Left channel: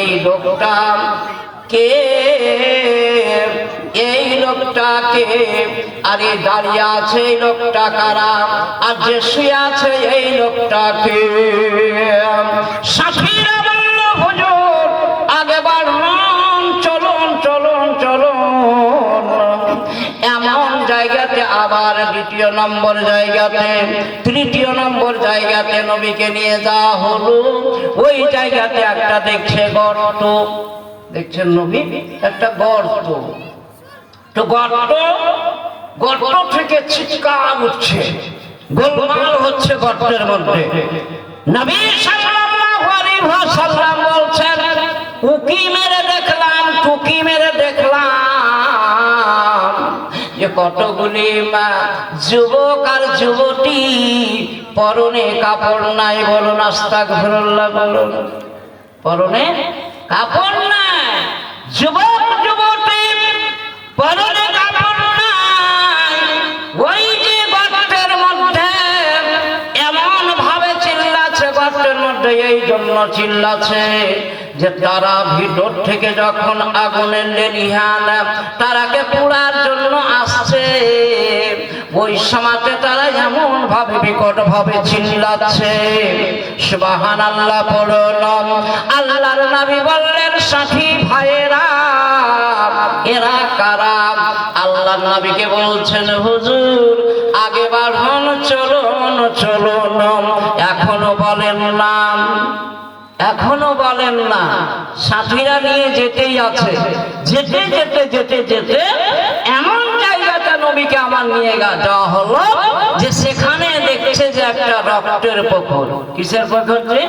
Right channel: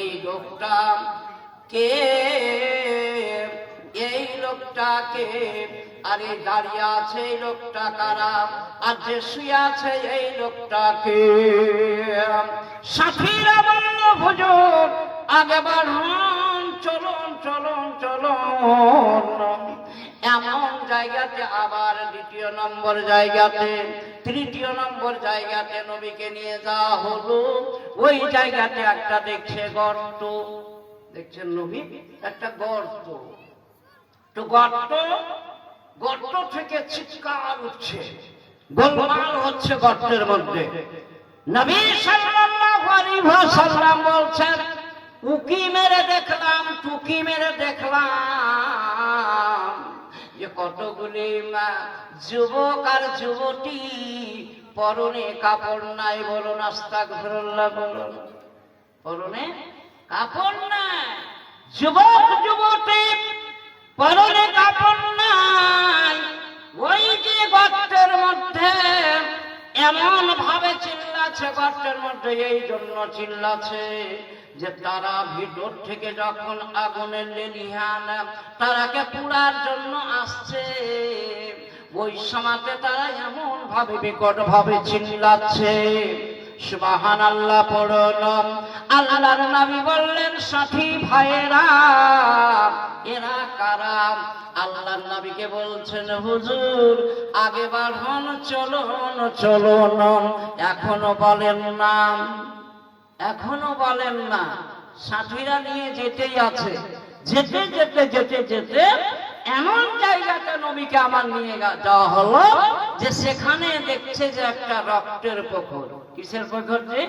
এই লোকটা কে, এই লোকটাকে, আরে দাঁড়িয়ে আছে এই লোকটা কারা, আর যে শুয়ে আছে এই লোকটাকে। সাথীরা বলল হুজুর আগে বাড়ুন, চলুন চলুন চলুন। এমন জায়গাতে আবার দ্বিতীয় নম্বর জায়গাতে, তৃতীয় নম্বর জায়গাতে নবীকে নিয়ে যাওয়া হলো। ওই জায়গাতে একটা দেখছে গর্ত, দেখছেন নবী একটা গর্ত। তো গর্ত থেকে চিৎকার উঠছে, গোলমাল হচ্ছে গর্তের মধ্যে। নবী সাল্লাল্লাহু আলাইহি ওয়াসাল্লাম বলছেন, উকি মেরে দেখলাম, টুকি মেরে দেখলাম যে কতগুলি যুবক আর যুবতী, পরনে কাপড় নাই। বলুন আস্তাগফিরুল্লাহ, বলুন পরনে কাপড় নাই। যুবক যুবতী পরনে কাপড় নাই। ওই যে গর্তের মধ্যে এমন ভাবে চিল্লাছে, গর্তের মধ্যে এই জন্য চিল্লাছে যে তারা ভিতর থেকে যখন আগুনের লেলিহান তারাকে পোড়ার জন্য আসছে, ওই সময়তে তারা এমন ভাবে বিকট ভাবে চিল্লাচ্ছে। সুবহানাল্লাহ পড়ুন। আল্লাহর নবী বললেন, সাথী ভাইরা এরা কারা? আল্লাহর নবীকে বলছেন, হুজুর আগে বাড়ুন, চলুন চলুন। এখনো বলেন না, এখনো বলেন না। সাথীরা নিয়ে যেতেই আছে। যেতে যেতে যেতে যেতে এমন জায়গাতে নবীকে আমার নিয়ে যাওয়া হলো যে সেখানে দেখছে যে একটা রক্তের পুকুর। কিসের পুকুর? যে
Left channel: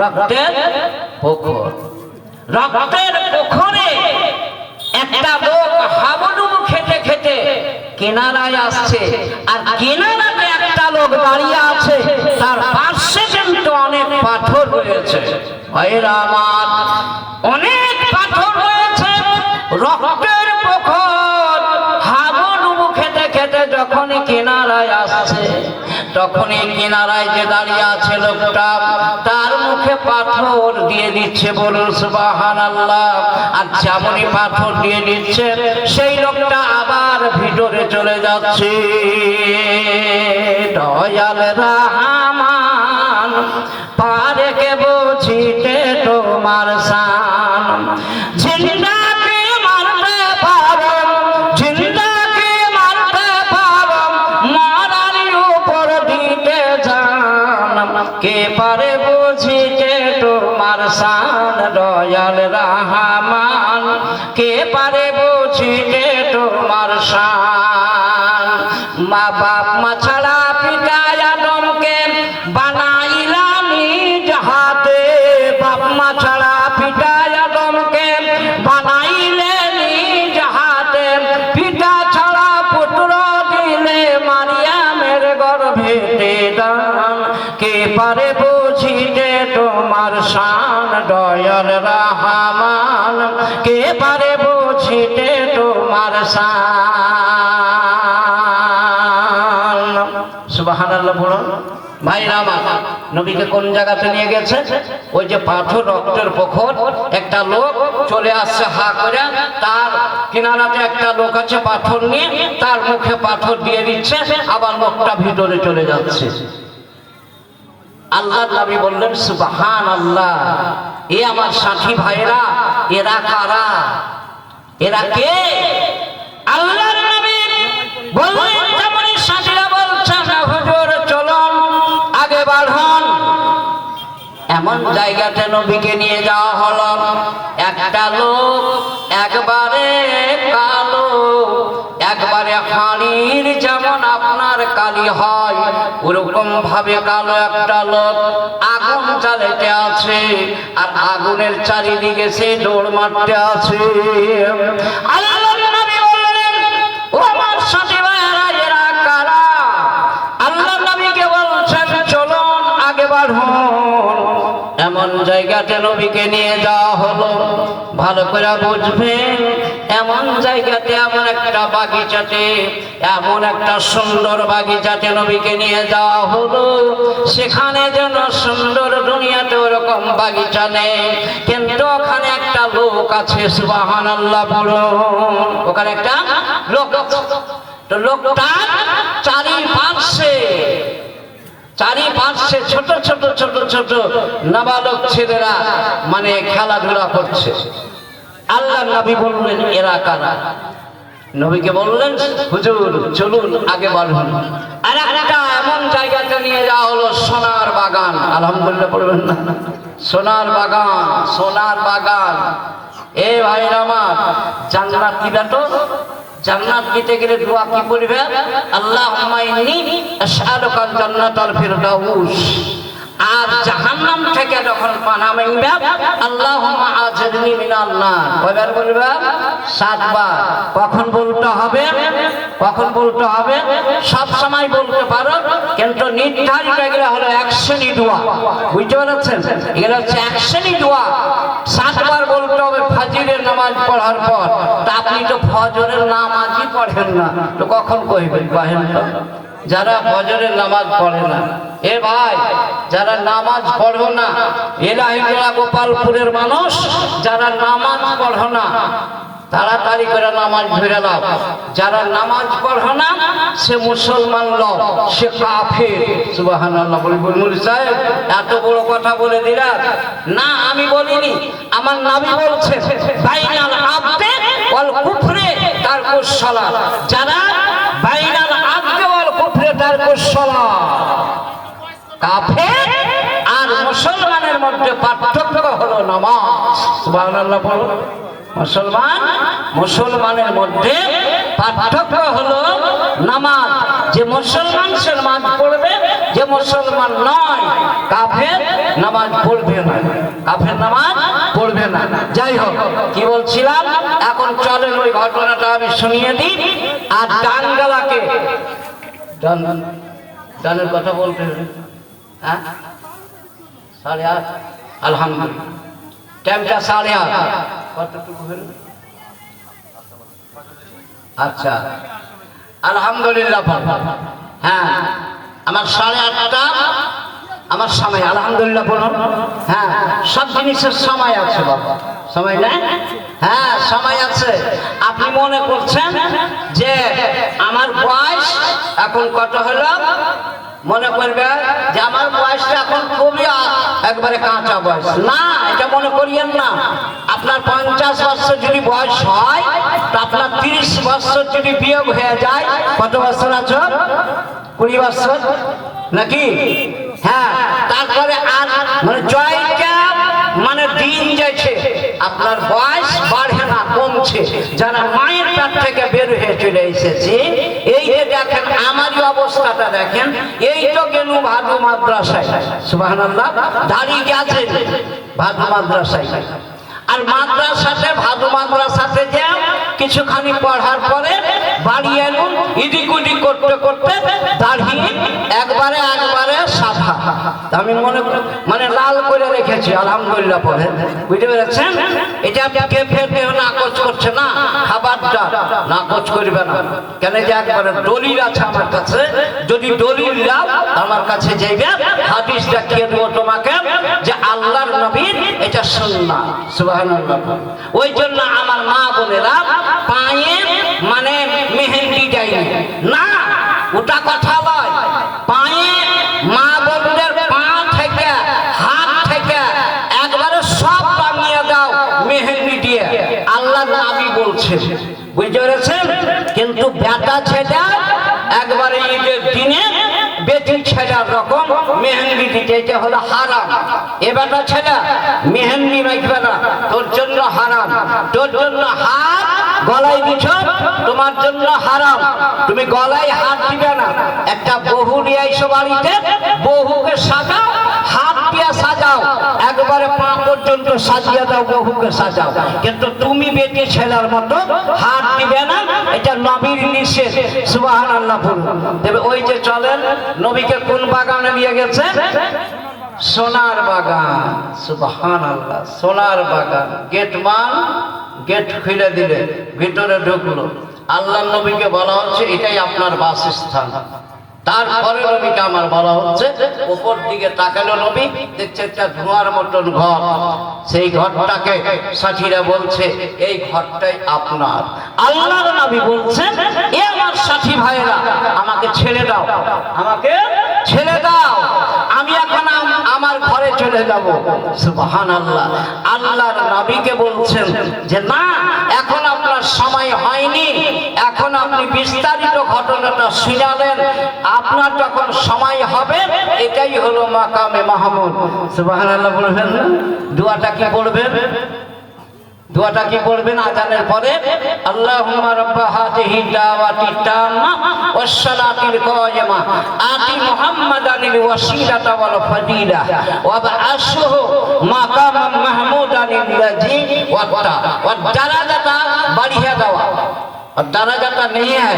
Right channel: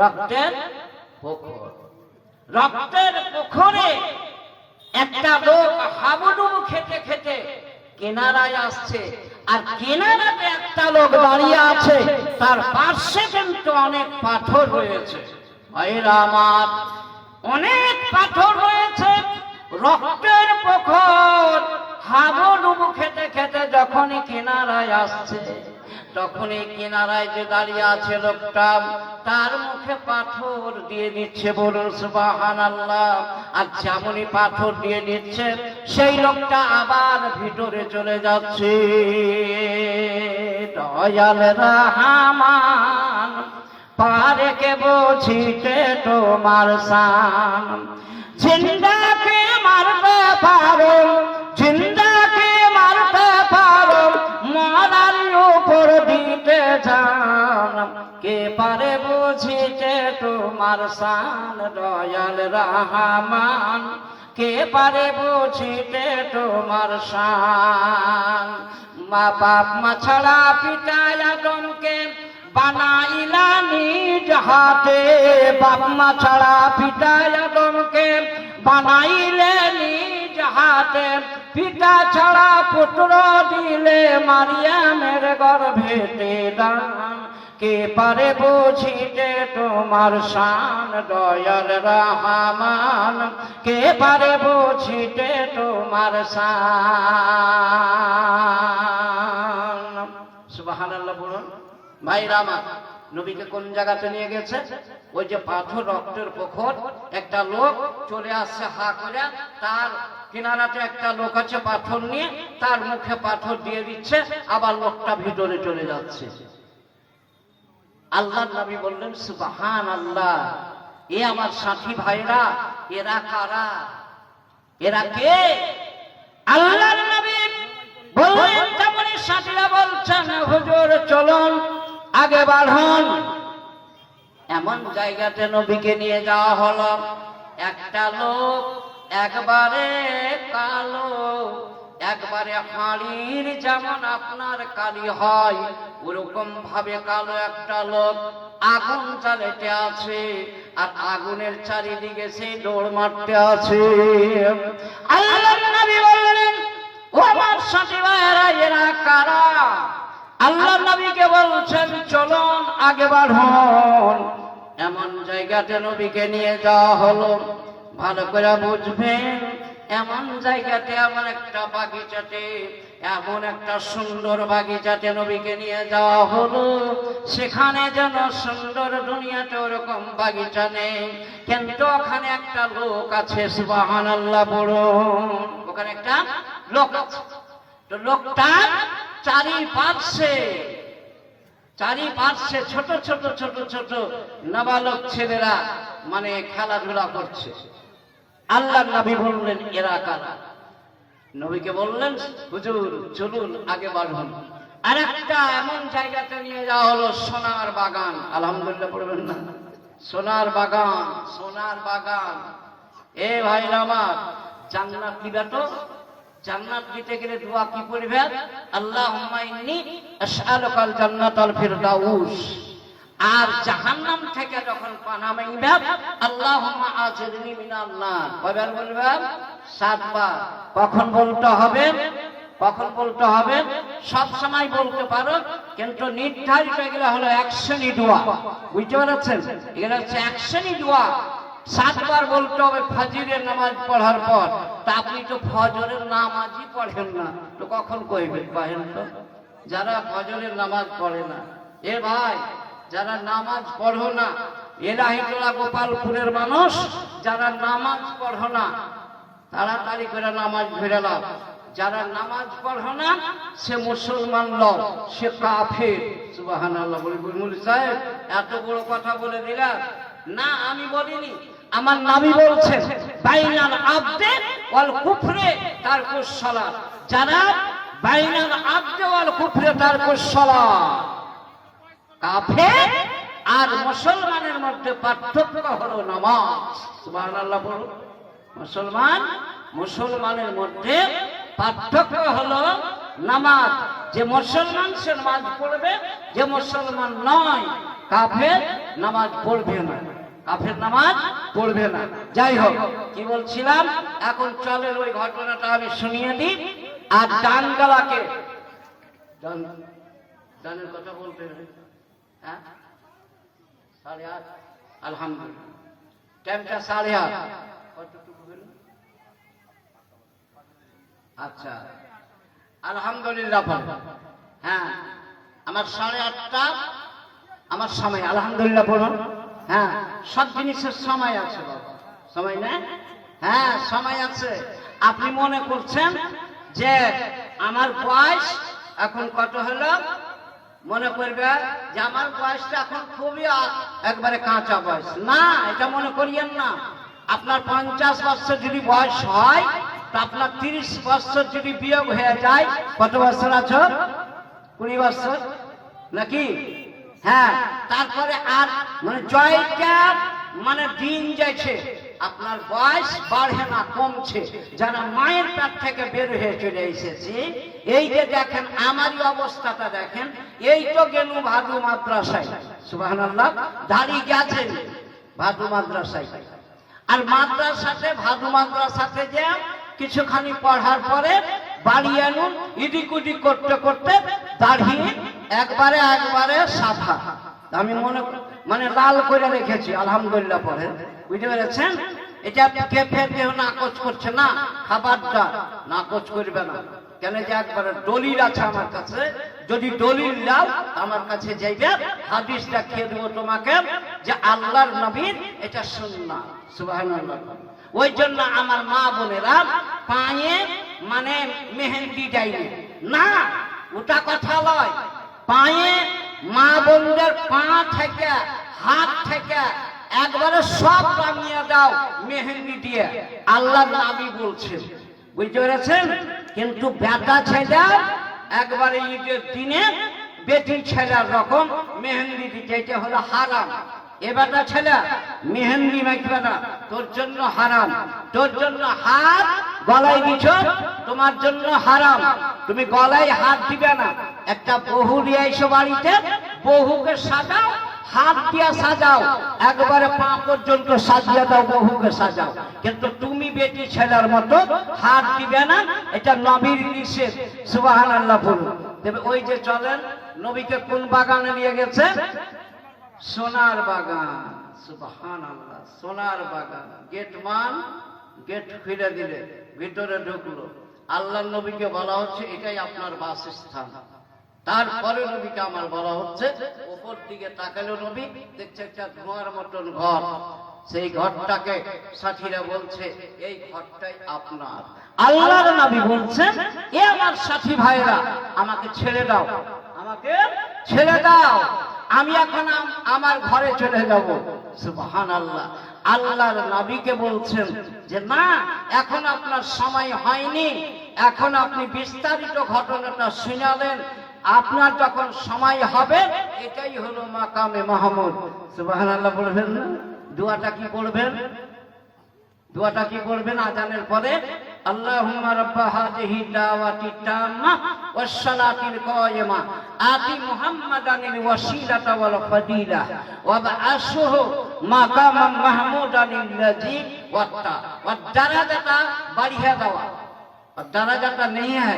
রক্তের পুকুর। রক্তের পুকুরে একটা লোক হাবুডুবু খেতে খেতে কিনারায় আসছে, আর কিনারাতে একটা লোক দাঁড়িয়ে আছে, তার পাশে কিন্তু অনেক পাথর রয়েছে। ভাইরা আমার, অনেক পাথর রয়েছে। রক্তের পুকুর, হাবুডুবু খেতে খেতে যখনই কিনারায় আসছে, তখনই কিনারায় যে দাঁড়িয়ে আছে লোকটা, তার মুখে পাথর দিয়ে দিচ্ছে। বলুন সুবহানাল্লাহ। আর যেমনই পাথর দিয়ে দিচ্ছে, সেই লোকটা আবার ভিতরে চলে যাচ্ছে। দয়াল রহমান পারে কে বুঝিতে তোমার শান, জিন্দাকে মারতে পারো, জিন্দাকে মারতে পারো, মারার উপর দিতে জান, কে পারে বুঝিতে তোমার শান। দয়াল রহমান কে পারে বুঝিতে তোমার শান। মা বাপ মা ছাড়া পিতা আদমকে বানাইলা নিজ হাতে, বাপ মা ছাড়া পিতা আদমকে বানাইলে নিজ হাতে, পিতা ছাড়া পুত্র দিলে মারিয়ামের গর্ভেতে দান, কে পারে বুঝিতে তোমার শান। দয়াল রহমান কে পারে বুঝিতে তোমার শান। সুবহানাল্লাহ বলুন। ভাইরা আমার, নবীকে কোন জায়গাতে নিয়ে গেছে? ওই যে পাথর, রক্তের পুকুর। একটা লোক চলে আসছে হা করে, তার কিনারাতে একটা লোক আছে পাথর নিয়ে, তার মুখে পাথর দিয়ে দিচ্ছে, আবার লোকটা ভিতরে চলে যাচ্ছে। আল্লাহর নবী বললেন, সুবহানাল্লাহ। এ আমার সাথী ভাইরা, এরা কারা? এরা কে? আল্লাহর নবী বললেন, যেমন সাথীরা বলছেন, হুজুর চলুন আগে বাড়ুন। এমন জায়গাতে নবীকে নিয়ে যাওয়া হলো। একটা লোক একবারে কালো, একবারে হাড়ির যেমন আপনার কালি হয়, ওরকম ভাবে কালো একটা লোক আগুন জ্বালাতে আছে, আর আগুনের চারিদিকে সে দৌড় মারতে আছে। আল্লাহর নবী বললেন, ও আমার সাথী ভাইরা, এরা কারা? আল্লাহর নবীকে বলছেন, চলুন আগে বাড়ুন। এমন জায়গাতে নবীকে নিয়ে যাওয়া হলো। ভালো করে বুঝবেন, এমন জায়গাতে, এমন একটা বাগিচাতে, এমন একটা সুন্দর বাগিচাতে নবীকে নিয়ে যাওয়া হলো। সেখানে যেন সুন্দর, দুনিয়াতে ওরকম বাগিচা নেই, কিন্তু ওখানে একটা লোক আছে। সুবহানাল্লাহ বলুন। ওখানে একটা লোক, তো লোকটা চারিপাশে ছোট ছোট ছোট ছোট নাবালক ছেলেরা মানে খেলাধুলা করছে। আল্লাহ নবী বললেন এরা কারা? নবীকে বললেন হুজুর চলুন আগে বলুন। আর একটা এমন জায়গাতে নিয়ে যাওয়া হলো, সোনার বাগান। আলহামদুলিল্লাহ পড়বেন না? সোনার বাগান, সোনার বাগান। এ ভাই আমার, জান্নাত দিবে তো? জান্নাত দিতে গেলে দোয়া কি করবে? আল্লাহুম্মা ইন্নী আশহাদুকাল জান্নাতাল ফিরদাউস। আর জাহান্নাম থেকে যখন পানা মাইবা, আল্লাহুম্মা আজিরনি মিনান নার। কয়বার বলবে? 7 বার। কখন বলতে হবে? কখন বলতে হবে? সব সময় বলতে পারো, কিন্তু নির্ধারিত এগুলো হলো এক শ্রেণী দোয়া। বুঝতে পারছেন? এগুলো হচ্ছে এক শ্রেণী দোয়া। 7 বার বলতে হবে ফজরের নামাজ পড়ার পর। তা আপনি তো ফজরের নামাজই পড়েন না, তো কখন কইবেন? কহেন তো। যারা ফজরের নামাজ পড়ে না, এ ভাই যারা নামাজ পড়ো না, এলাহিটোলা গোপালপুরের মানুষ যারা নামাজ পড়ো না, তাড়াতাড়ি করে নামাজ ধরে নাও। যারা নামাজ পড়ো না সে মুসলমান লোক, সে কাফের। সুবহানাল্লাহ বলবেন। মুফতি সাহেব এত বড় কথা বলে দিলা? না, আমি বলিনি, আমার নবী বলছেন বাইনাল আবদে ওয়াল কুফরে তারকুস সালাত। যারা বাইনাল আবদে ওয়াল কুফরে তারকুস সালাত, কাফের আর মুসলমানের মধ্যে পার্থক্য হলো নামাজ। সুবহানাল্লাহ বলো। মুসলমানের মধ্যে পার্থক্য হলো নামাজ। যে মুসলমান সে নামাজ পড়বে, যে মুসলমান নয় কাফের নামাজ পড়বে না, কাফের নামাজ পড়বে না। যাই হোক, কি বলছিলাম, এখন চলেন ওই ঘটনাটা আমি শুনিয়ে দিই। আর ডান গলাকে, ডানের কথা বলতে হবে। হ্যাঁ, 8:30। আলহামদুলিল্লাহ, টাইমটা 8:30। কতটুকু হলো? আচ্ছা, আলহামদুলিল্লাহ। হ্যাঁ, আমার 8:30টা আমার সময়। আলহামদুলিল্লাহ বলুন। হ্যাঁ, সব জিনিসের সময় আছে বাবা, সময় নাই? হ্যাঁ, সময় আছে। আপনি মনে করছেন যে আমার বয়স এখন কত হলো, মনে করবে যে আমার বয়সটা এখন খুবই একবারে কাঁচা বয়স। না, এটা মনে করিয়েন না। আপনার 50 বছর যদি বয়স হয়, তো আপনার 30 বছর যদি বিয়োগ হয়ে যায়, কত বছর আছে? 20 বছর নাকি? হ্যাঁ, তারপরে আর মানে জয়টা মানে দিন যাচ্ছে, আপনার বয়স বাড়ে না, কমছে। যারা মায়ের পেট থেকে বের হয়ে চলে এসেছে, এই যে দেখেন আমারই অবস্থাটা দেখেন, এই তো গেল ভাদু মাদ্রাসায়। সুবহানাল্লাহ, দাঁড়িয়ে গেছে ভাদু মাদ্রাসায়। আর মাদ্রাসাতে, ভাদু মাদ্রাসাতে যে কিছুখানি পড়ার পরে বাড়ি এলুন, ইদিক উদিক করতে করতে দাঁড়িয়ে একবারে সাদা, আমি মানে লাল করে রেখেছি। আলহামদুলিল্লাহ পরে, বুঝতে পেরেছেন? এটা কে ফেরবে নাকচ করছে না, খাবারটা নাকচ করবে না। কেন যে একবারে দলিল আছে আমার কাছে, যদি দলিল দাও আমার কাছে যাইবে, হাদিস দেখিয়ে দেবো তোমাকে যে আল্লাহর নবীর এটা সুন্নাহ। সুবহানাল্লাহ। ওই জন্য আমার মা বোনেরা পায়ে মানে মেহেন্দি দেয়নি না, ওটা কথা নয়। পায়ে মা বোনদের পা থেকে, হাত থেকে একবারে সব বানিয়ে দাও মেহেন্দি দিয়ে, আল্লাহর নবী বলছেন। বুঝতে পেরেছেন? কিন্তু বেটা ছেলে একবারে ঈদের দিনে বেটি ছেলের রকম মেহেন্দি দিতে, এটা হলো হারাম। এ বেটা ছেলে মেহেন্দি মাখবে না, তোর জন্য হারাম। তোর জন্য হাত গলায় দিছ, তোমার জন্য হারাম। তুমি গলায় হাত দিবে না। একটা বহু নিয়ে আইসো বাড়িতে, বহুকে সাজাও, হাত দিয়ে সাজাও, একবারে পা পর্যন্ত সাজিয়ে দাও, বহুকে সাজাও। কিন্তু তুমি বেটি ছেলের মতো হাত দিবে না, এটা নবীর নিষেধ। সুবহানাল্লাহ বলুন। তবে ওই যে চলেন, নবীকে কোন বাগানে নিয়ে গেছে? সোনার বাগান। সুবহানাল্লাহ, সোনার বাগান। গেটমান গেট খুলে দিলে, ভিতরে ঢুকলো। আল্লাহ নবীকে বলা হচ্ছে এটাই আপনার বাসস্থান। তারপরে নবীকে আমার বলা হচ্ছে, উপর দিকে তাকালো নবী, দেখছে একটা ধোঁয়ার মতন ঘর। সেই ঘরটাকে সাথীরা বলছে এই ঘরটাই আপনার। আল্লাহর নবী বলছেন, এ আমার সাথী ভাইরা, আমাকে ছেড়ে দাও, আমাকে ছেড়ে দাও, আমি এখন আমার ঘরে চলে যাব। সুবহানাল্লাহ। আল্লাহর নবীকে বলছেন যে না, এখন আপনার সময় হয়নি, এখন আপনি বিস্তারিত ঘটনাটা শুনালেন, আপনার যখন সময় হবে এটাই হলো মাকামে মাহমুদ। সুবহানাল্লাহ বলবেন না? দোয়াটা কি পড়বেন? দোয়াটা কি পড়বেন আযানের পরে? আল্লাহুম্মা রাব্বা হাযিহি দাওয়াতি তাম্মা ওয়াস সালাতিল কায়িমা আতি মুহাম্মাদানিল ওয়াসিলাতা ওয়াল ফাদিলা ওয়া বা'আসহু মাকামান মাহমুদানিল লাযী ওয়াদ দারাজাতা বাড়িয়ে দেওয়া। और दराजाটা नहीं है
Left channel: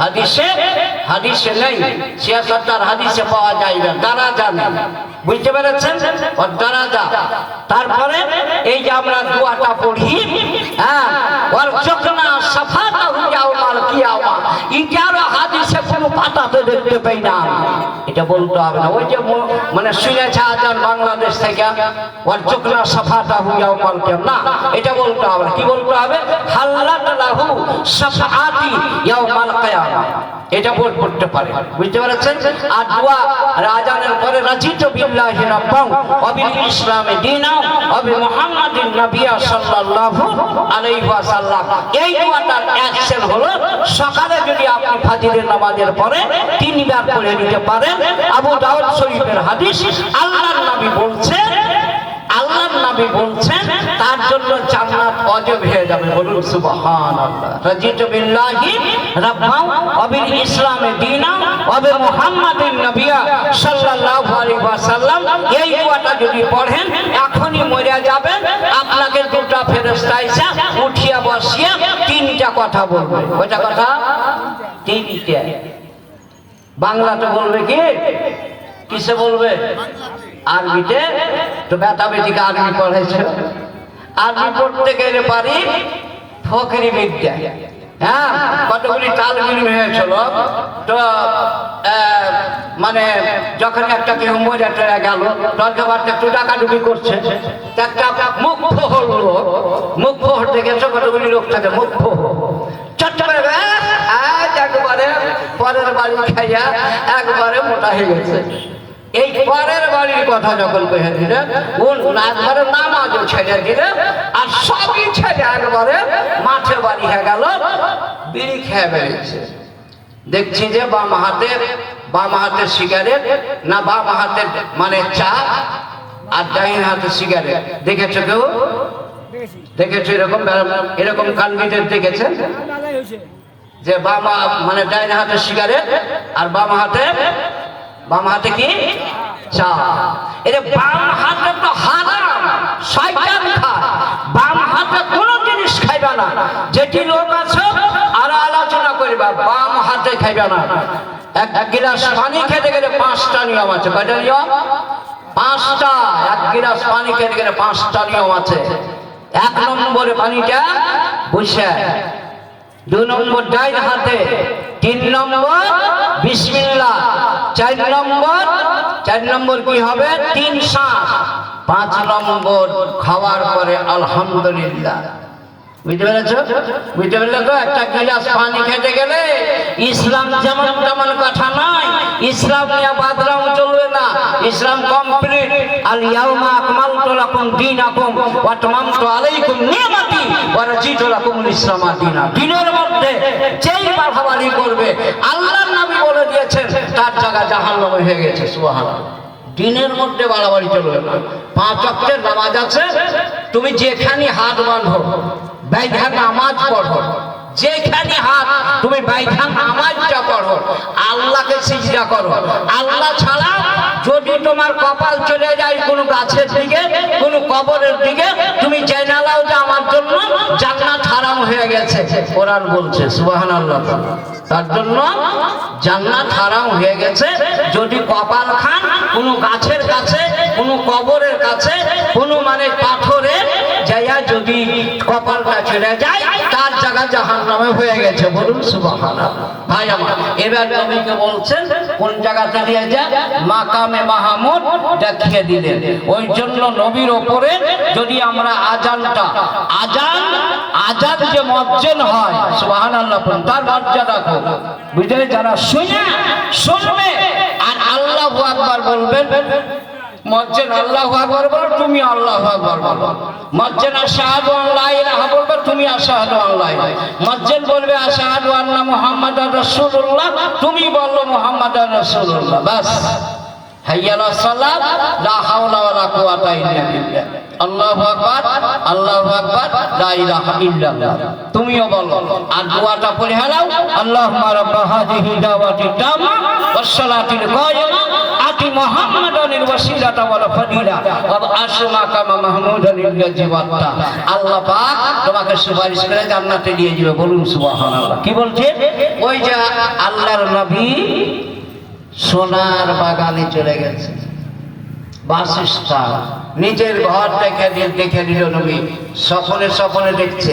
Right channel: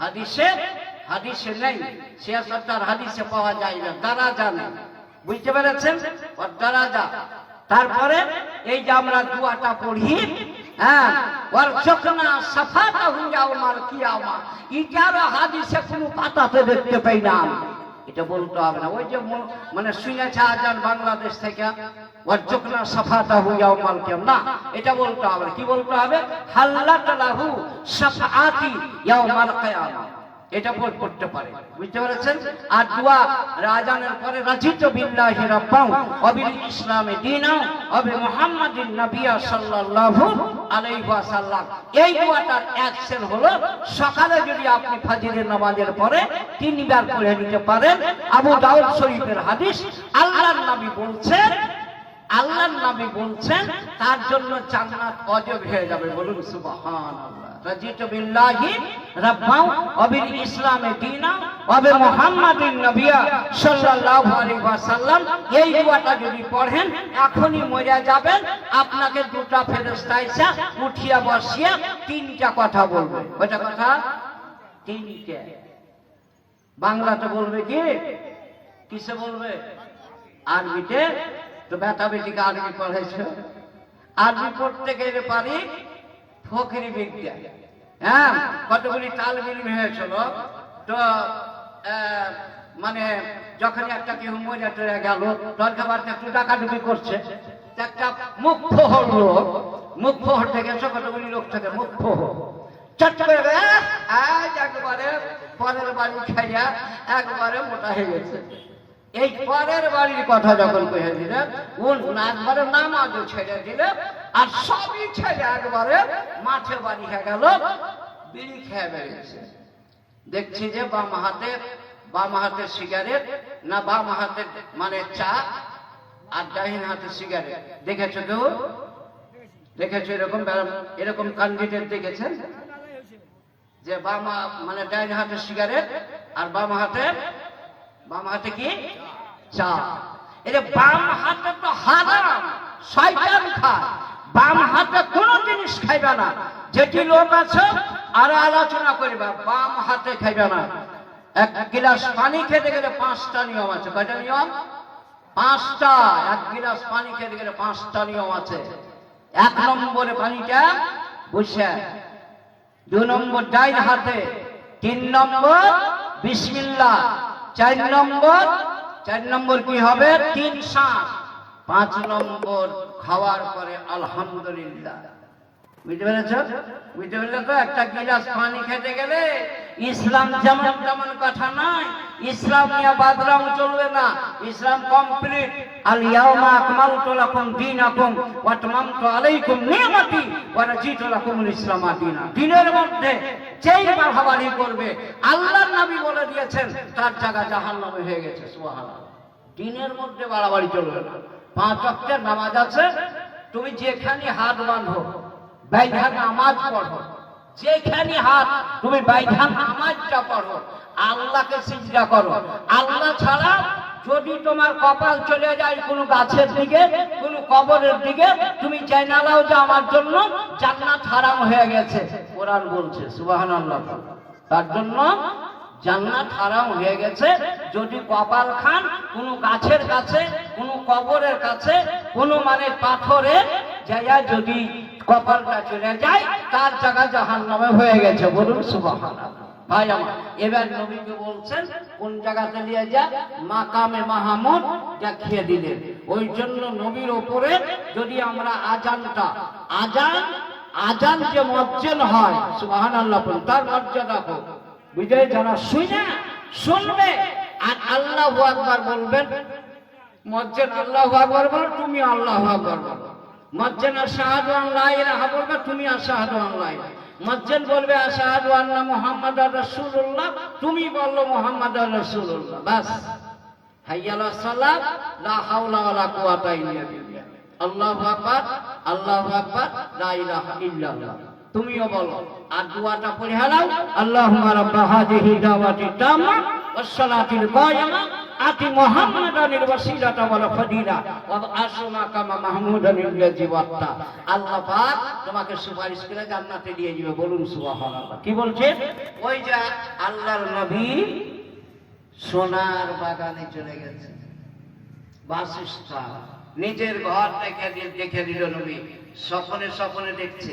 হাদিসে নেই, 76 হাদিসে পাওয়া যায় না দরাজা নেই, বুঝতে পেরেছেন? और দরাজা। তারপরে এই যে আমরা দোয়াটা পড়ি, হ্যাঁ, और চকনা সাফাতা ইয়াউমাল কিয়ামা, ইজারা হাদিসে কোনো পাতাতে দেখতে পাই না, এটা বলতে হবে না। ওই যে মানে শুনেছে আজান বাংলাদেশ থেকে, और চকনা সাফাতা ইয়াউমাল কিয়ামা, না, এটা বলতে হবে না। কি বলতে হবে? হাল্লাত লাহু শাফাআতি ইয়াউমাল কিয়ামা, এটা পড়তে পারে, বুঝতে পারছেন? আর দোয়া আযানের পরে রাজিতু বিল্লাহি রাব্বান ওয়া বিল ইসলামি দীনান ওয়া বি মুহাম্মাদিন নাবিয়্যা সাল্লাল্লাহু আলাইহি ওয়াসাল্লাম। এই দোয়াটার অ্যাকশন হলো সকালে যদি আপনি ফাজরের নামাজের পরে 3 বার পড়ে নিতে পারেন। আবু দাউদ শরীফের হাদিস, আল্লাহর নবী বলছেন, তার জন্য জান্নাত ওয়াজিব হয়ে যাবে। বলুন সুবহানাল্লাহ। রাজিতু বিল্লাহি রাব্বান ওয়া বিল ইসলামি দীনান ওয়া বি মুহাম্মাদিন নাবিয়্যা সাল্লাল্লাহু আলাইহি ওয়াসাল্লাম। এই দোয়াটা যদি পড়েন এখনই মরে যাবেন, আপনাকে দুটো ফেরেশতা এসে উঠিয়ে বসিয়ে 3টা কথা বলবে। কয়টা কথা? 3টা। বাংলাতে বলবে কি? কিসে বলবে? আরবিতে। তো বেটা বেটিকে আরবি পড়াইছে, আরবি পড়তে গেলে পারি ফকরি বিদ্যা, হ্যাঁ, কতগুলি তালবিল হয়েছিল। তো মানে যখন একটা কেউ মরে টরে গেল, দরকারটা একটু ডাকাডুকি করছে, একটা মুখ ফোহর লোক, মুখ ফোহর দেখেছো কতগুলি লোক থাকে, মুখ ফোহর ছোট্ট একবারে পরের বাড়ি খাইয়া একবারে মোটা হয়ে গেছে। এই পরের বাড়ির কথা যখন কহে দিলে, একবারে নামাজও ছেড়ে দিলে, আর সবই ছেড়ে একবারে মাঠে বাড়ি হয়ে গেল, বিড়ি খেয়ে বেরিয়েছে। দেখছি যে বাম হাতের সিগারেট, না বাম হাতের মানে চা, আর ডাইন হাতের সিগারেট। দেখেছো কেউ? দেখেছো এরকম ক্যান্ডিডেট দেখেছেন যে মানে ডাইন হাতের সিগারেট আর বাম হাতে কি চা? এর বাম হাতে তো হারাম, শয়তান খায়। বাম হাতে কোনো জিনিস খাইবে না। যেটি লোক আছে আর আলোচনা করবা, বাম হাতে খাইবে না। এক গিলাস পানি খেতে গেলে 5টা নিয়ম আছে। কয়টা নিয়ম? 5টা। এক গিলাস পানি খেতে গেলে 5টা নিয়ম আছে। 1 নম্বরে পানিটা বসে, 2 নম্বর ডাইন হাতে, 3 নম্বর বিসমিল্লাহ, 4 নম্বর কি হবে? 3 শ্বাস, 5 নম্বর খাওয়ার পরে আলহামদুলিল্লাহ। বুঝতে পেরেছো? বুঝতে পারলে তো? একটা গিলাস পানি খেতে গেলে ইসলাম যেমন তেমন কথা নয়, ইসলাম নিয়ে বাদরাম চলবে না। ইসলাম কমপ্লিট। আল ইয়াউমা আকমালতু লাকুম দীনাকুম ওয়া আতমামতু আলাইকুম নি'মাতি ওয়া রাদিতু লাকুমুল ইসলামা দীনা। দিনের মধ্যে যেই বাড়াবাড়ি করবে, আল্লাহর নবী বলে দিয়েছেন, তার জায়গা জাহান্নাম হয়ে গেছে। সুবহানাল্লাহ। দিনের মধ্যে বাড়াবাড়ি চলবে না। 5 ওয়াক্তের নামাজ আছে, তুমি যেখানে হাত বাঁধো, বাইধা নামাজ পড়ো, যেখানে হাত তুমি বাইধা নামাজটা পড়ো, আল্লাহকে সিজদা করো। আল্লাহ ছাড়া যদি তোমার কপাল চলে যায় কোনো গাছের দিকে, কোনো কবরের দিকে, তুমি জেনে নাও যে আমার জন্য জান্নাত হারাম হয়ে গেছে। কোরআন বলছে। সুবহানাল্লাহ। তার জন্য জান্নাত হারাম হয়ে গেছে। যদি কপাল খান কোনো গাছের কাছে, কোনো কবরের কাছে, কোনো মানে পাথরে যাইয়া যদি কপালটা ছেড়ে যায় তার জায়গা জাহান্নামে হয়ে গেছে। বলুন সুবহানাল্লাহ। ভাই আমার, এবার নবীকে বলছেন কোন জায়গাতে নিয়ে যায়? মাকামে মাহমুদ দেখিয়ে দিলেন। ওই জন্য নবীর ওপরে যদি আমরা আজানটা আজান যে মুয়াজ্জিন হয় সুবহানাল্লাহ তার মর্যাদা কম বুঝে যারা শুনবে আর আল্লাহু আকবার বলবেন। মুয়াজ্জিন আল্লাহু আকবার বলো, তুমি আল্লাহু আকবার বলো। মুয়াজ্জিন আশহাদু আন লা ইলাহা বলবে, তুমি আশহাদু আন লা ইলাহা। মুয়াজ্জিন বলবে আশহাদু আন্না মুহাম্মাদার রাসূলুল্লাহ, তুমি বলো মুহাম্মাদার রাসূলুল্লাহ। বাস, হাইয়া আলাস সালাত, লা হাওলা ওয়ালা কুওয়াতা ইল্লা বিল্লাহ, আল্লাহু আকবার, আল্লাহু আকবার, লা ইলাহা ইল্লাল্লাহ। তুমিও বলো আর দোয়াটা পড়ে হালাও, আল্লাহুম্মা রাব্বা হাযিহি দাওয়াতি তাম্মা ওয়াস সালাতিল কায়িমা আতি মুহাম্মাদানিল ওয়াসিলাতা ওয়াল ফাদিলা ওয়া আশমা কামা মাহমুদানিল জিওয়াত্তা। আল্লাহ পাক তোমাকে সুপারিশ করে জান্নাতে নিয়ে যাবে। বলুন সুবহানাল্লাহ। কি বলছে? ওই যে আল্লাহর নবী সোনার বাগানে চলে গেছে, বাসস্থান, নিজের ঘর দেখে দিল নবী, স্বপ্নে দেখছে।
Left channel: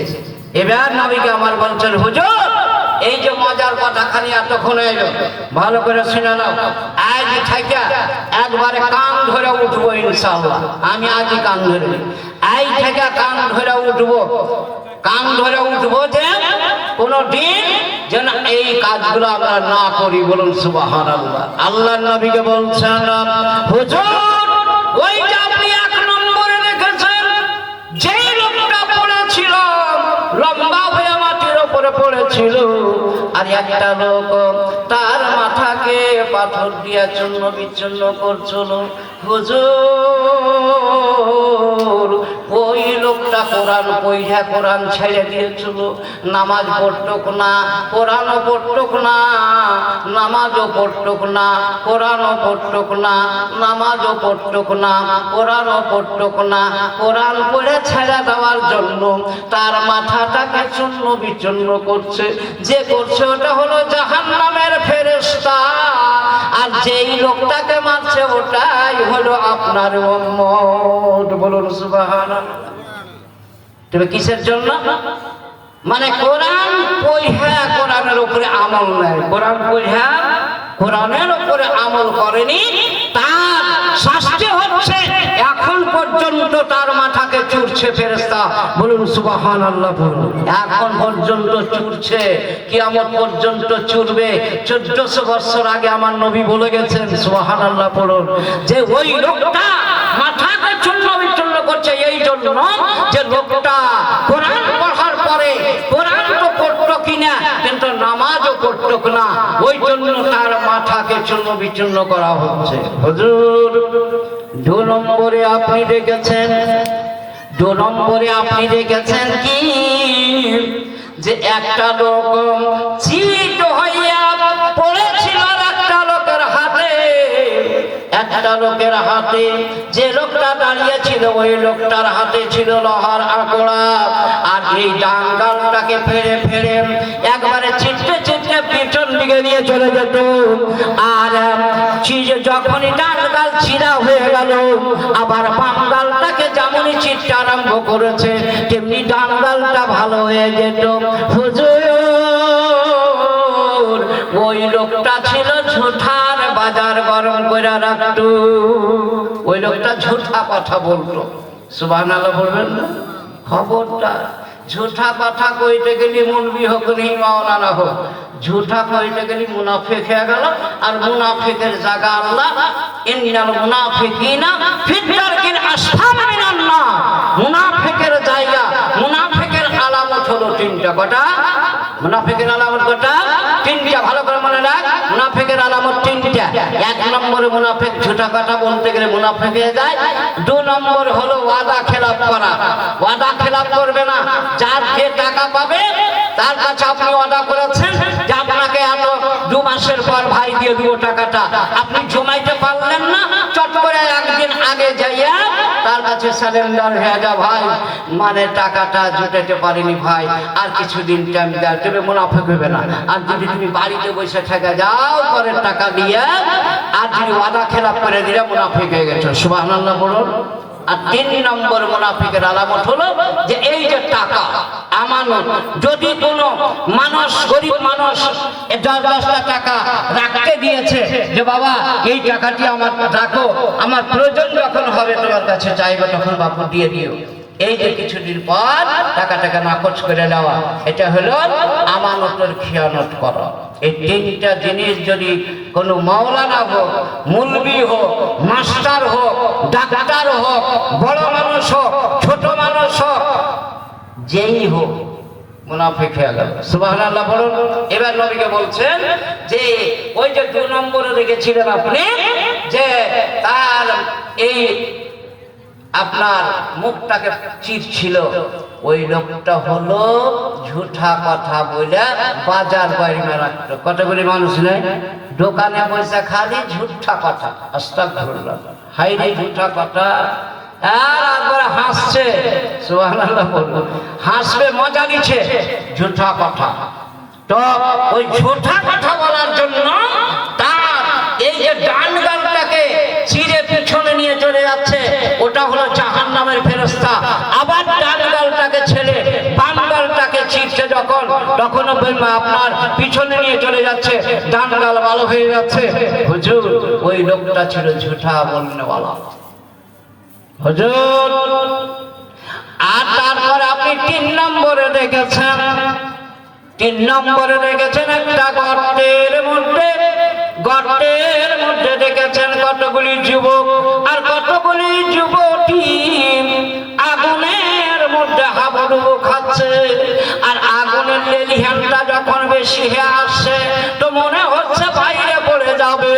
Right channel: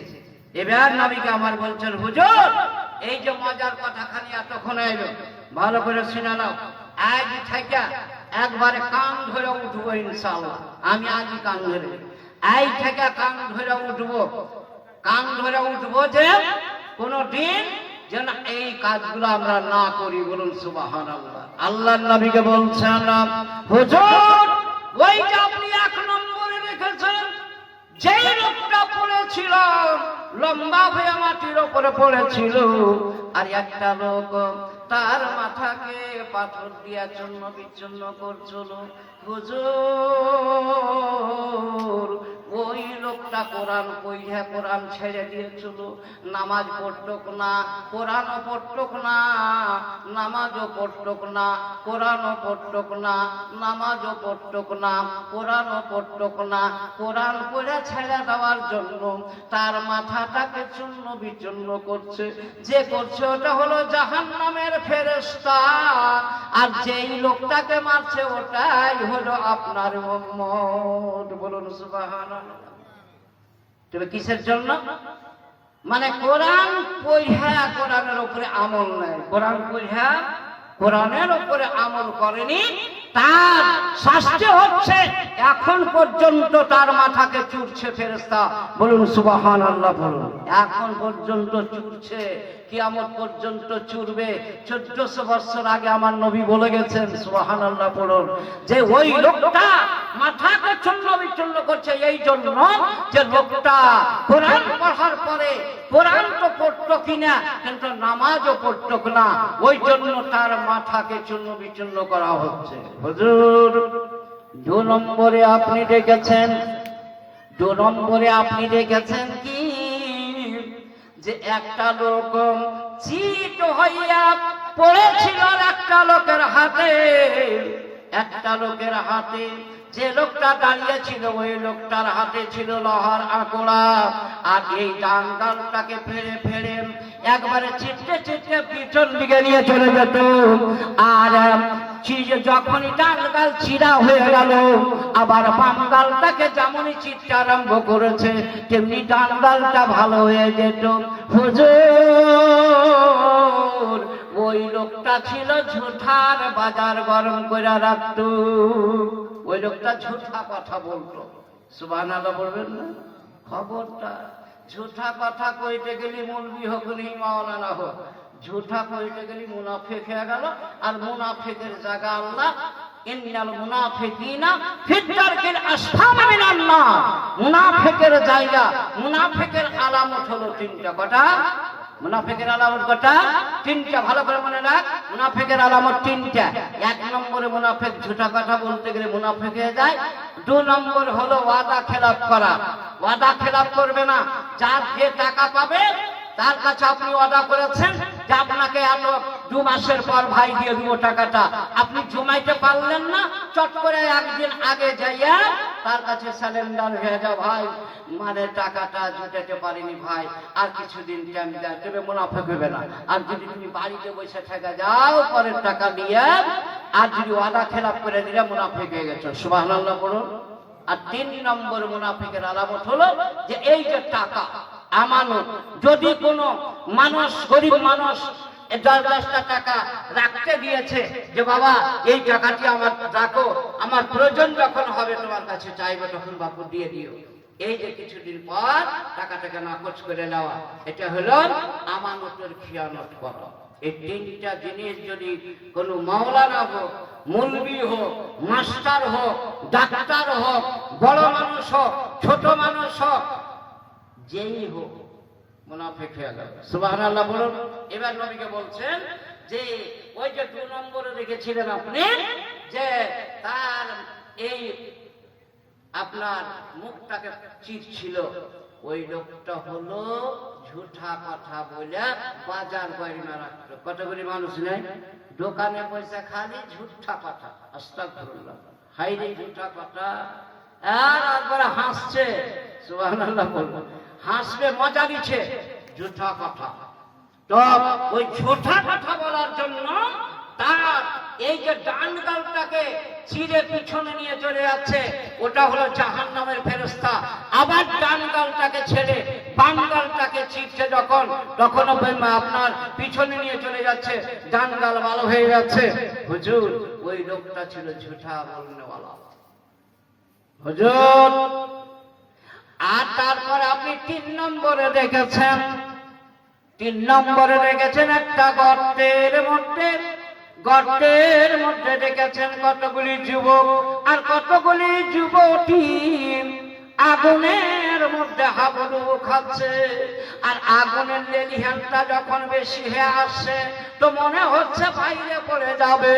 এবার নবীকে আমার বলছেন, হুজুর এই যে মজার কথা খালি এতক্ষণ এলো, ভালো করে শুনে নাও। আজ থেকে একবারে কান ধরে উঠবো ইনশাআল্লাহ। আমি আজই কান ধরে, আজ থেকে কান ধরে উঠবো, কান ধরে উঠবো যে কোনো দিন যেন এই কাজগুলো আমরা না করি। বলুন সুবহানাল্লাহ। আল্লাহর নবীকে বলছেন, হুজুর ওই যে আপনি এক নম্বরে রেখেছেন যেই লোকটা পড়েছিল, লম্বা হয়ে মাটির উপরে পড়েছিল, আর একটা লোক তার মাথাকে পাথর দিয়া চূর্ণ বিচ্ছিন্ন করছিল। হুজুর ওই লোকটা কোরআন পড়া, কোরআন ছেড়ে দিয়েছিল, নামাজ পড়তক না, কোরআনও পড়তক না, নামাজও পড়তক না, কোরআনও পড়তক না, নামাজও পড়তক না, কোরআনও পড়তক না। কোরআন পড়ে ছেড়ে দেওয়ার জন্য তার মাথাটাকে চূর্ণ বিচ্ছিন্ন করছে। যে করছে ওটা হলো জাহান্নামের ফেরেশতা, আর যেই লোকটাকে মারছে ওটাই হলো আপনার উম্মত। বলুন সুবহানাল্লাহ। তবে কিসের জন্য? মানে কোরআন পড়া, কোরআনের উপরে আমল নাই, কোরআন পড়া কোরআনের উপরে আমল করেনি, তার শাস্তি হচ্ছে এখন পর্যন্ত তার মাথাকে চুরছে ফেরেশতা। বলুন সুবহানাল্লাহ। বলুন এখন পর্যন্ত চুরছে, কিয়ামত পর্যন্ত চুরবে। 1400 বছর আগে আমার নবী বলে গেছেন সুবহানাল্লাহ। বলুন যে ওই লোকটা মাথাকে চূর্ণ বিচ্ছিন্ন করছে এই জন্য যে লোকটা কোরআন পড়ার পরে কোরআন তো পড়তো কিনা কিন্তু নামাজও পড়তো না, ওই জন্য তার মাথাকে চূর্ণ বিচ্ছিন্ন করা হচ্ছে। হুজুর 2 নম্বরে আপনি দেখেছেন, 2 নম্বরে আপনি দেখেছেন কি যে একটা লোক চিত হইয়া পড়েছিল একটা লোকের হাতে, একটা লোকের হাতে। যে লোকটা দাঁড়িয়ে ছিল ওই লোকটার হাতে ছিল লোহার আকড়া, আর এই ডাঙ্গালটাকে ফেরে ফেরে একবারে চিটকে চিটকে পিছন দিকে নিয়ে চলে যেত। আর যখনই ডাঙ্গাল ছিঁড়া হয়ে গেল, আবার বামগালটাকে যেমনই চিটতে আরম্ভ করেছে তেমনি ডাঙ্গালটা ভালো হয়ে যেত। হুজুর ওই লোকটা ছিল ঝুঠার বাজার গরম করে রাখতো, ওই লোকটা ঝুঠা কথা বলতো। সুবহানাল্লাহ বলবেন না? খবরদার, ঝুঠা কথা কইতে গেলি মৌলবি হোক নি মাওলানা হোক, ঝুঠা কইতে গেলি মুনাফিক হয়ে গেল। আর মুনাফিকের জায়গা আল্লাহ, ইন্নাল মুনাফিকিনা ফি দারকিল আসফালি মিনান নার। মুনাফিকের জায়গা, মুনাফিকের আলামত হলো 3টা। কটা? মুনাফিকের আলামত কটা? 3টা। ভালো করে মনে রাখ, মুনাফিকের আলামত 3টা। 1 নম্বরে মুনাফিক ঝুঠা কথা বলতে গেলে মুনাফিক হয়ে যায়। 2 নম্বর হলো ওয়াদা খেলাপ করা, ওয়াদা খেলাপ করবে না। যার যে টাকা পাবে তার কাছে আপনি ওয়াদা করেছেন যে আপনাকে এত 2 মাসের পর ভাই দিয়ে দিব টাকাটা, আপনি জমাইতে পারলেন না, চট করে একদিন আগে যাইয়া তার কাছে সারেন্ডার হয়ে যা, ভাই মানে টাকাটা জুটাতে পারিনি ভাই, আর কিছুদিন টাইম দাও, তবে মুনাফিক হবে না। আর যদি তুমি বাড়িতে বসে থেকে যাও পরের টাকা দিয়ে, আর যদি ওয়াদা খেলাপ করে দিলে মুনাফিক হয়ে গেছে। সুবহানাল্লাহ বলুন। আর 3 নম্বর মুনাফিকের আলামত হলো যে এই যে টাকা আমানত, যদি কোনো মানুষ গরিব মানুষ 10-10টা টাকা রাখতে দিয়েছে যে বাবা এই টাকাটি আমার রাখো, আমার প্রয়োজন যখন হবে তোমার কাছে চাইবে তখন বাপু দিয়ে দিও, এই যে কিছুদিন পর টাকা নাকচ করে নেওয়া, এটা হলো আমানতের খিয়ানত করা। এই 3টা জিনিস যদি কোনো মাওলানা হোক, মুলবি হোক, মাস্টার হোক, ডাক্তার হোক, বড় মানুষ হোক, ছোট মানুষ হোক, যেই হোক মুনাফিক হয়ে গেল। সুবহানাল্লাহ বলুন। এবার নবীকে বলছেন যে ওই যে 2 নম্বরে দেখেছিলেন আপনি যে তার এই আপনার মুখটাকে চিরছিল, ওই লোকটা হলো ঝুঠা কথা বলে বাজার বাইরে রাখতো। কতগুলি মানুষ নেই দোকানে পয়সা খালি ঝুঠা কথা, আস্তাগফিরুল্লাহ, হাইরে ঝুঠা কথা, আর একবার হাসছে, সুবহানাল্লাহ বলুন, হাসবে মজা নিচ্ছে, ঝুঠা কথা। তো ওই ঝুঠা কথা বলার জন্য তার এই যে ডান গালটাকে চিরে পিছনে নিয়ে চলে যাচ্ছে, ওটা হলো জাহান্নামের ফেরেশতা। আবার ডান গালটাকে ছেড়ে বাম গালটাকে চিরছে যখন, তখন আপনার পিছনে নিয়ে চলে যাচ্ছে, ডান গাল ভালো হয়ে যাচ্ছে। হুজুর ওই লোকটা ছিল ঝুঠা বলনেওয়ালা হুজুর। আর তারপর আপনি 3 নম্বরে দেখেছেন, 3 নম্বরে দেখেছেন একটা গর্তের মধ্যে দেখেছেন কতগুলি যুবক আর কতগুলি যুবতী আগুনের মধ্যে হাবুডুবু খাচ্ছে। আর আগুনের লেলিহানটা যখন বেশি হয়ে আসছে তো মনে হচ্ছে বাইরে পড়ে যাবে।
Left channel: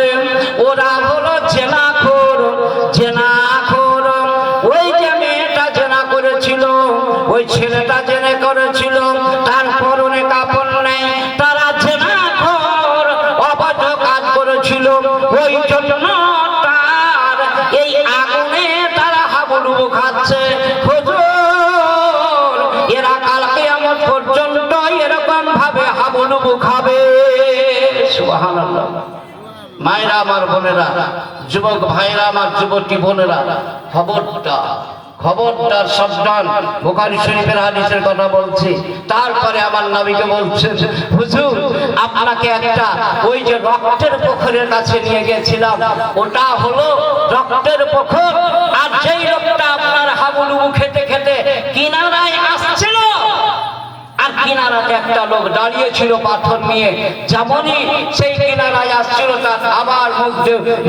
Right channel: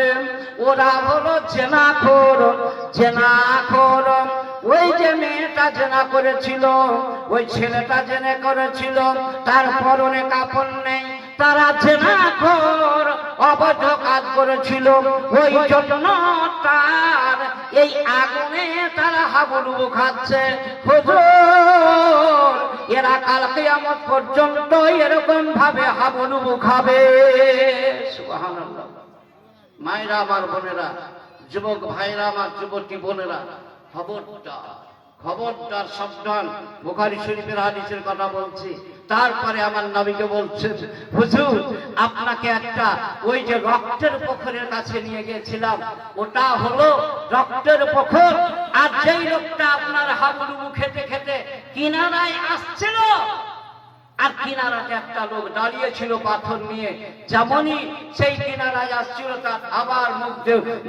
ওরা হলো জেনাখোর। ওই যে মেয়েটা জেনা করেছিল, ওই ছেলেটা জেনা করেছিল, তার পরনে কাপড় নেই, তারা জেনাখোর, অবৈধ কাজ করেছিল, ওই জন্য তার এই আগুনে তারা হাবুডুবু খাচ্ছে। হুজুর এরা কাল কিয়ামত পর্যন্ত এরকম ভাবে হাবুডুবু খাবে। সুবহানাল্লাহ। মায়েরা আমার, বোনেরা, যুবক ভাইরা আমার, যুবতী বোনেরা, খবরদার সাবধান। বুখারী শরীফের হাদিসের কথা বলছি। তারপরে আমার নবীকে বলছেন হুজুর আপনাকে একটা ওই যে রক্তের পুকুরের কাছে নিয়ে গিয়েছিলাম, ওটা হলো রক্তের পুকুর। আর যেই লোকটা আপনার হাবুডুবু খেতে খেতে কিনারায় আসছিল, আর কিনারাতে একটা লোক দাঁড়িয়ে ছিল পাথর নিয়ে, যেমনই সেই কিনারায় আসছিল তার আবার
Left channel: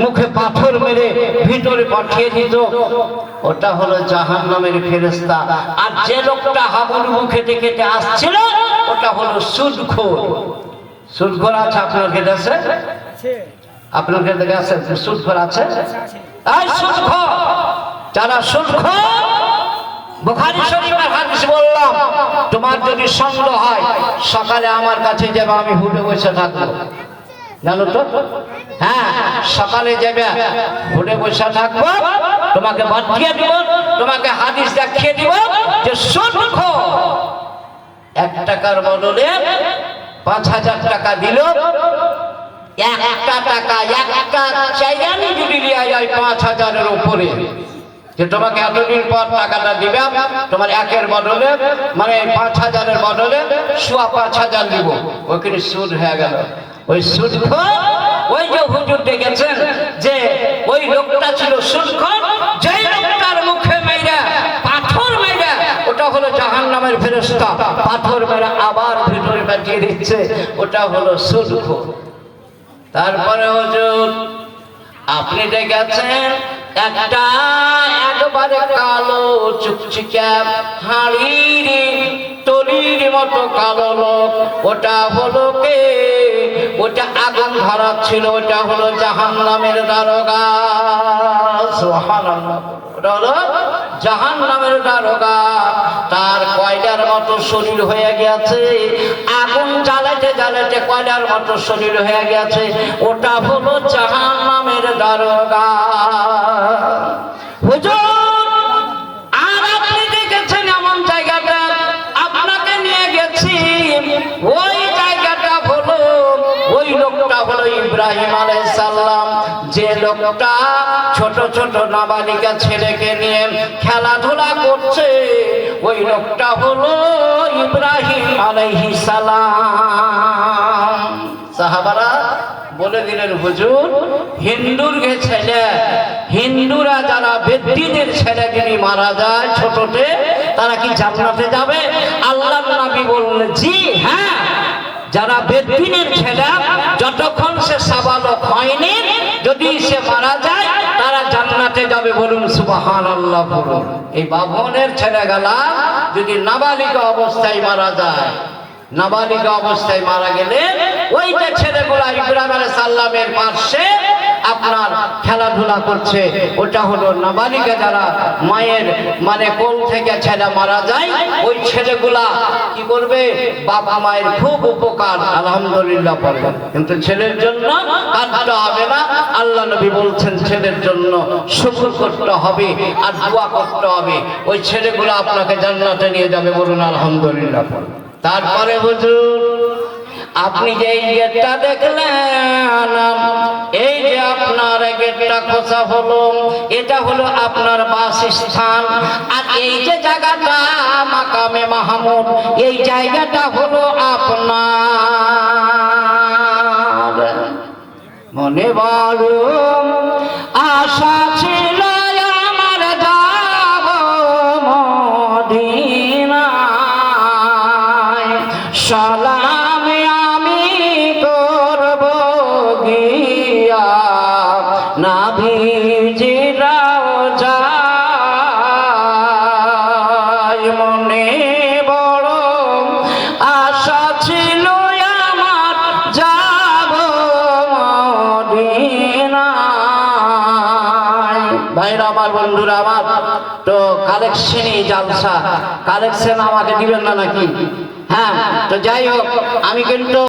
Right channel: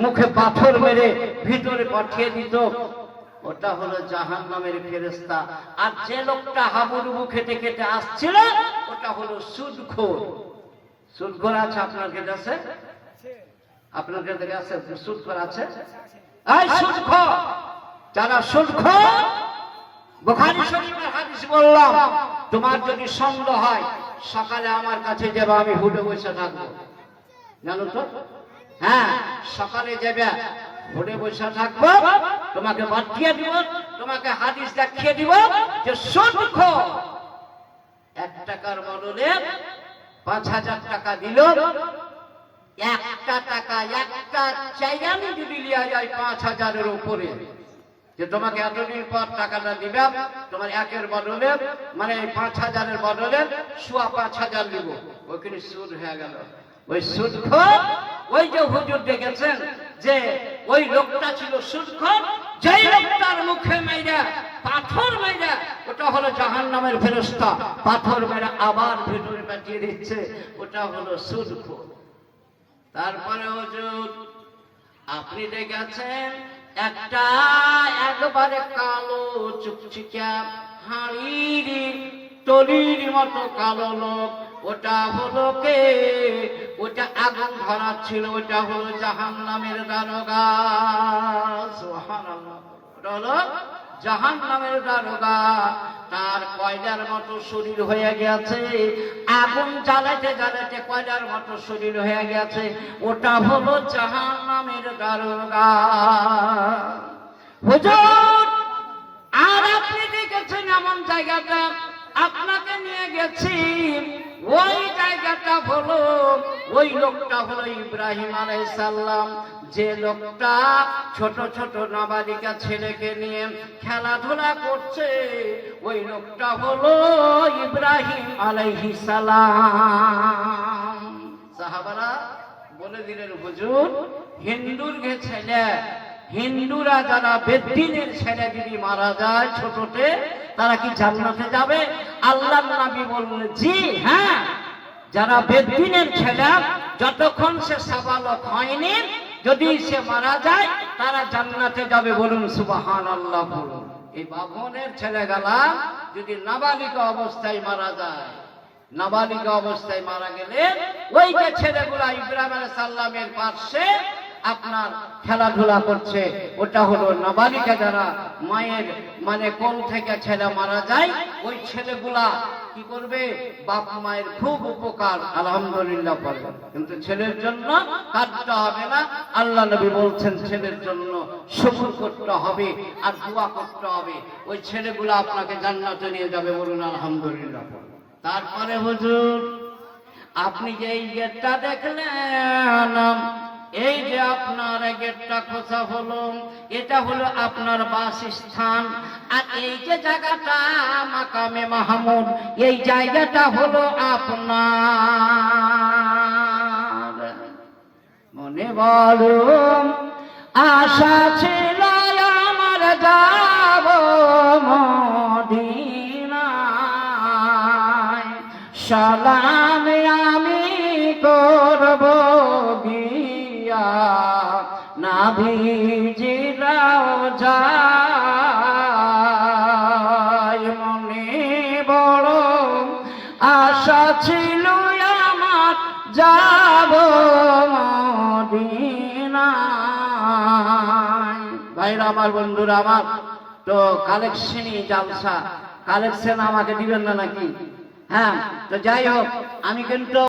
মুখে পাথর মেরে ভিতরে পাঠিয়ে দিত, ওটা হলো জাহান্নামের ফেরেশতা। আর যে লোকটা হাবুডুবু খেতে খেতে আসছিল ওটা হলো সুদখোর। সুদখোর আছে আপনার কাছে? আছে আপনার কাছে আছে? সুদখোর আছে? এই সুদখোর, যারা সুদখোর, বুখারী শরীফের হাদিস বললাম, তোমার যদি সন্দেহ হয় সকালে আমার কাছে যাবে, আমি হুডে বসে থাকবো, জানো তো? হ্যাঁ, সকালে যাবে, হুডে বসে থাকবো, তোমাকে বাতিয়ে দিব, তোমাকে হাদিস দেখিয়ে দিব যে সুদখোর 1 টাকার বদলে 5000 টাকা দিল, একটা টাকা একটা চাইজানি যদি লিয়া যায় 5000-এর উপরে, যে তোমাকে এতদিন পর টাকাটা দিবে, তোমার 1-এর বদলে মানে 5000-এর বদলে 5000 দিব, ওখানে সুদ হয়ে গেল। ওই সুদখোর, ওই যে হুজুর দেখেছেন যে ওই লোকটা ছিল সুদখোর, যেই লোকটার মুখে মাইরা পাথর মাইরা, ওটা হলো জাহান্নামের ফেরেশতা, পাথর মেরে আবার ভিতরে পাঠিয়ে দিচ্ছে, ওটা হলো সুদখোর। তারপরে হুজুর আপনি দেখেছেন একটা একবারে কালো চুকচিকা হাড়ির তলির মতো কালো লোক, ওটা হলো কে? ওটা আগুন ধরাচ্ছিল, ওটা হলো জাহান্নামের দারোগা। সুবহানাল্লাহ। ওটা হলো জাহান্নামের দারোগা। তার কয়লার মতো শরীর হয়ে গেছে, আগুন জ্বালাতে জ্বালাতে কয়লার মতো শরীর হয়ে গেছে, ওটা হলো জাহান্নামের দারোগা। হুজুর আর আপনি দেখেছেন এমন জায়গাটা, আপনাকে নিয়ে গেছি, ওই জায়গাটা হলো, ওই লোকটা হলো ইব্রাহিম আলাইহিস সালাম, যে লোকটা ছোট ছোট নাবালিকা ছেলেকে নিয়ে খেলাধুলা করছে ওই লোকটা হলো ইব্রাহিম আলাইহিস সালাম। সাহাবারা বলে দিলেন হুজুর হিন্দুর ছেলে, হিন্দুরা যারা বেদ্যিদের ছেলে যিনি মারা যায় ছোটতে তারা কি জান্নাতে যাবে? আল্লাহর নবী বললেন জি হ্যাঁ, যারা বেদ্যিনের ছেলে যতক্ষণ সে সাবালক হয়নি যদি সে মারা যায় তারা জান্নাতে যাবে। বলুন সুবহানাল্লাহ। বলুন এই বাভনের ছেলেগুলা যদি নাবালিকা অবস্থায় মারা যায়, নাবালিকা অবস্থায় মারা গেলে ওই যে ছেলেগুলা ইব্রাহিম আলাইহিস সালামের পাশে আপনার খেলাধুলা করছে ওটা হলো নাবালিকা। যারা মায়ের মানে কোল থেকে ছেলে মারা যায় ওই ছেলেগুলা কি করবে? বাবা মায়ের খুব উপকার আলহামদুলিল্লাহ পড়বে, কিন্তু ছেলের জন্য কাঁদতে হবে না। আল্লাহ নবী বলছেন ছেলের জন্য শুকর করতে হবে আর দোয়া করতে হবে, ওই ছেলেগুলা আপনাকে জান্নাতে নিয়ে যাবে। বলুন আলহামদুলিল্লাহ। তারপরে হুজুর আপনি যে এই গেটটা দেখলেন, এই যে আপনার গেটটা খোঁচা হলো, এটা হলো আপনার বাসস্থান। আর এই যে জায়গাটা মাকামে মাহমুদ, এই জায়গাটা হলো আপনার। মনে বড় আশা ছিল আমার যাব মদিনায়, সালাম আমি করব গিয়া নবীজিরাও যায়। মনে বড় আশা ছিল আমার যাব মদিনায়। ভাইরা আমার, বন্ধুরা আমার, তো কালেকশনই জালসা, কালেকশন আমাকে দিবেন না নাকি? হ্যাঁ, তো যাই হোক আমি কিন্তু